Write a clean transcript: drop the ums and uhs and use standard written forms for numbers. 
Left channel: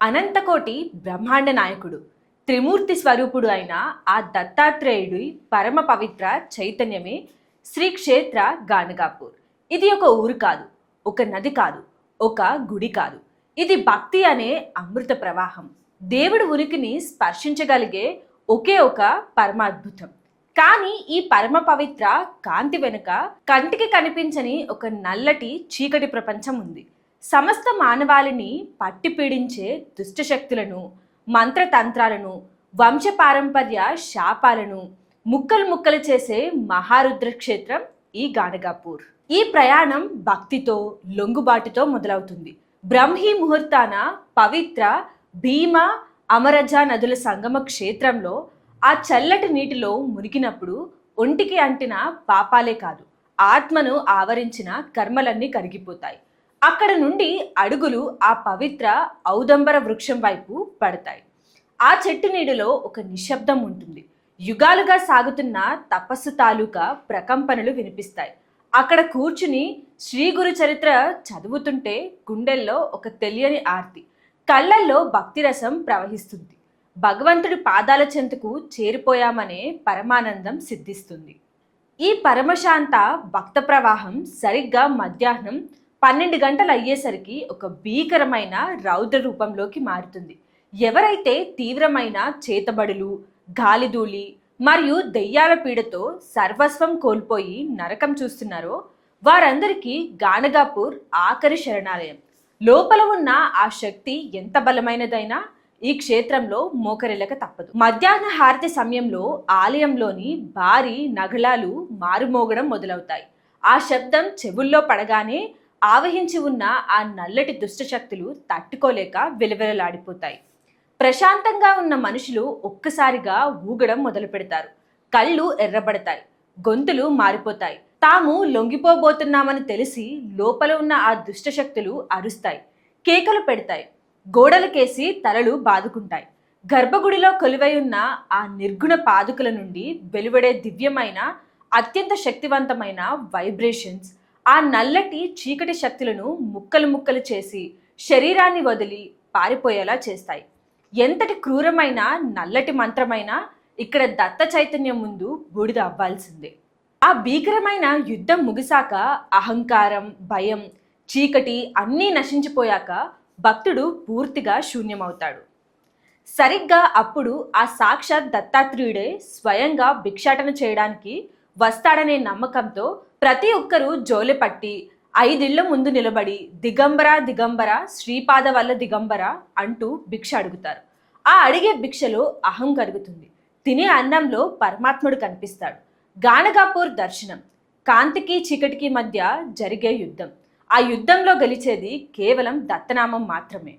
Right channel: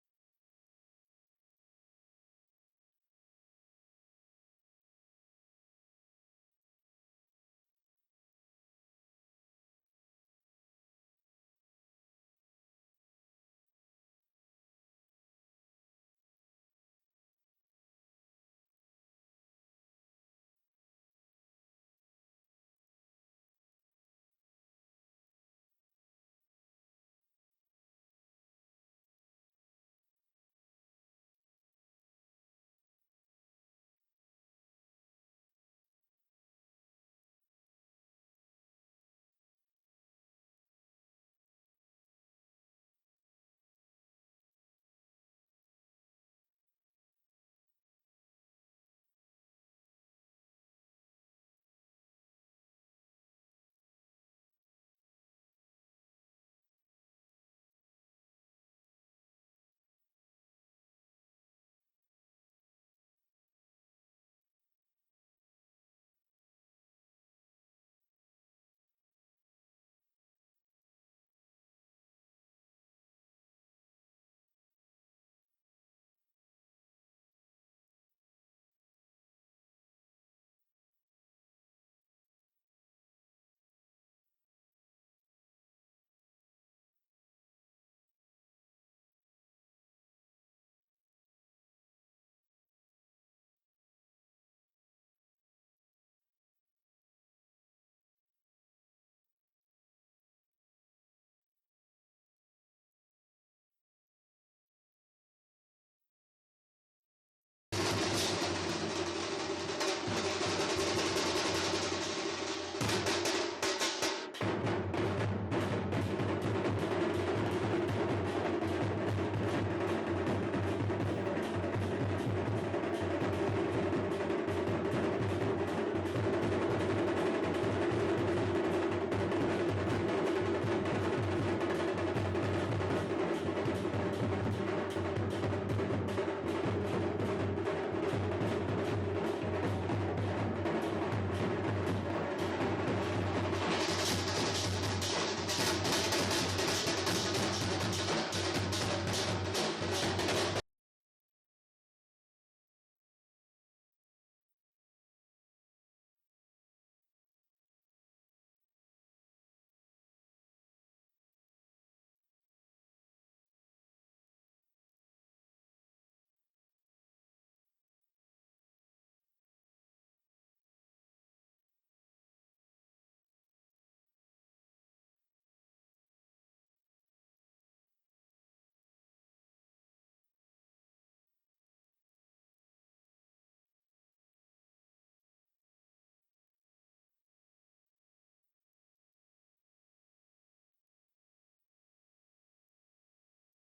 అనంతకోటి బ్రహ్మాండ నాయకుడు త్రిమూర్తి స్వరూపుడు అయిన ఆ దత్తాత్రేయుడి పరమ పవిత్ర చైతన్యమే శ్రీ క్షేత్ర గాణగాపూర్. ఇది ఒక ఊరు కాదు, ఒక నది కాదు, ఒక గుడి కాదు. ఇది భక్తి అనే అమృత ప్రవాహం. దేవుడి ఉనికిని స్పర్శించగలిగే ఒకే ఒక పరమాద్భుతం. కానీ ఈ పరమ పవిత్ర కాంతి వెనుక కంటికి కనిపించని ఒక నల్లటి చీకటి ప్రపంచం ఉంది. సమస్త మానవాళిని పట్టి పీడించే దుష్టశక్తులను, మంత్రతంత్రాలను, వంశపారంపర్య శాపాలను ముక్కలు ముక్కలు చేసే మహారుద్ర క్షేత్రం ఈ గాణగాపూర్. ఈ ప్రయాణం భక్తితో, లొంగుబాటుతో మొదలవుతుంది. బ్రహ్మీ ముహూర్తాన పవిత్ర భీమ, అమరజ నదుల సంగమ క్షేత్రంలో ఆ చల్లటి నీటిలో మునిగినప్పుడు ఒంటికి అంటిన పాపాలే కాదు, ఆత్మను ఆవరించిన కర్మలన్నీ కరిగిపోతాయి. అక్కడ నుండి అడుగులు ఆ పవిత్ర ఔదంబర వృక్షం వైపు పడతాయి. ఆ చెట్టు నీడలో ఒక నిశ్శబ్దం ఉంటుంది. యుగాలుగా సాగుతున్న తపస్సు తాలూకా ప్రకంపనలు వినిపిస్తాయి. అక్కడ కూర్చుని శ్రీ గురు చరిత్ర చదువుతుంటే గుండెల్లో ఒక తెలియని ఆర్తి, కళ్ళల్లో భక్తిరసం ప్రవహిస్తుంది. భగవంతుడి పాదాల చెంతకు చేరిపోయామనే పరమానందం సిద్ధిస్తుంది. ఈ పరమశాంత భక్త ప్రవాహం సరిగ్గా మధ్యాహ్నం 12 గంటలు అయ్యేసరికి ఒక భీకరమైన రౌద్ర రూపంలోకి మారుతుంది. ఎవరైతే తీవ్రమైన చేతబడులు, గాలిధూళి మరియు దెయ్యాల పీడతో సర్వస్వం కోల్పోయి నరకం చూస్తున్నారో వారందరికీ గాణగాపూర్ ఆఖరి శరణాలయం. లోపల ఉన్న ఆ శక్తి ఎంత బలమైనదైనా ఈ క్షేత్రంలో మోకరిల్లక తప్పదు. మధ్యాహ్న హారతి సమయంలో ఆలయంలోని భారీ నగలాలు మారుమోగడం మొదలవుతాయి. ఆ శబ్దం చెవుల్లో పడగానే ఆవహించి ఉన్న ఆ నల్లటి దుష్టశక్తులు తట్టుకోలేక వెలువెలలాడిపోతాయి. ప్రశాంతంగా ఉన్న మనుషులు ఒక్కసారిగా ఊగడం మొదలు పెడతారు. కళ్ళు ఎర్రబడతాయి, గొంతులు మారిపోతాయి. తాము లొంగిపోబోతున్నామని తెలిసి లోపల ఉన్న ఆ దుష్టశక్తులు అరుస్తాయి, కేకలు పెడతాయి, గోడలకేసి తలలు బాదుకుంటాయి. గర్భగుడిలో కొలువై ఉన్న ఆ నిర్గుణ పాదుకుల నుండి వెలువడే దివ్యమైన, అత్యంత శక్తివంతమైన వైబ్రేషన్స్ ఆ నల్లటి చీకటి శక్తులను ముక్కలు ముక్కలు చేసి శరీరాన్ని వదిలి పారిపోయేలా చేస్తాయి. ఎంతటి క్రూరమైన నల్లటి మంత్రమైనా ఇక్కడ దత్త చైతన్యం ముందు బూడిద అవ్వాల్సిందే. ఆ భీకరమైన యుద్ధం ముగిసాక అహంకారం, భయం, చీకటి అన్నీ నశించిపోయాక భక్తుడు పూర్తిగా శూన్యమవుతాడు. సరిగ్గా అప్పుడు ఆ సాక్షాత్ దత్తాత్రేయుడే స్వయంగా భిక్షాటన చేయడానికి వస్తాడనే నమ్మకంతో ప్రతి ఒక్కరూ జోలెపట్టి 5 ఇళ్ల ముందు నిలబడి దిగంబర దిగంబర, శ్రీపాద వల్ల దిగంబర అంటూ భిక్ష అడుగుతారు. ఆ అడిగే భిక్షలో అహం కరుగుతుంది. తినే అన్నంలో పరమాత్ముడు కనిపిస్తాడు. గాణగాపూర్ దర్శనం కాంతికి చీకటికి మధ్య జరిగే యుద్ధం. ఆ యుద్ధంలో గెలిచేది కేవలం దత్తనామం మాత్రమే.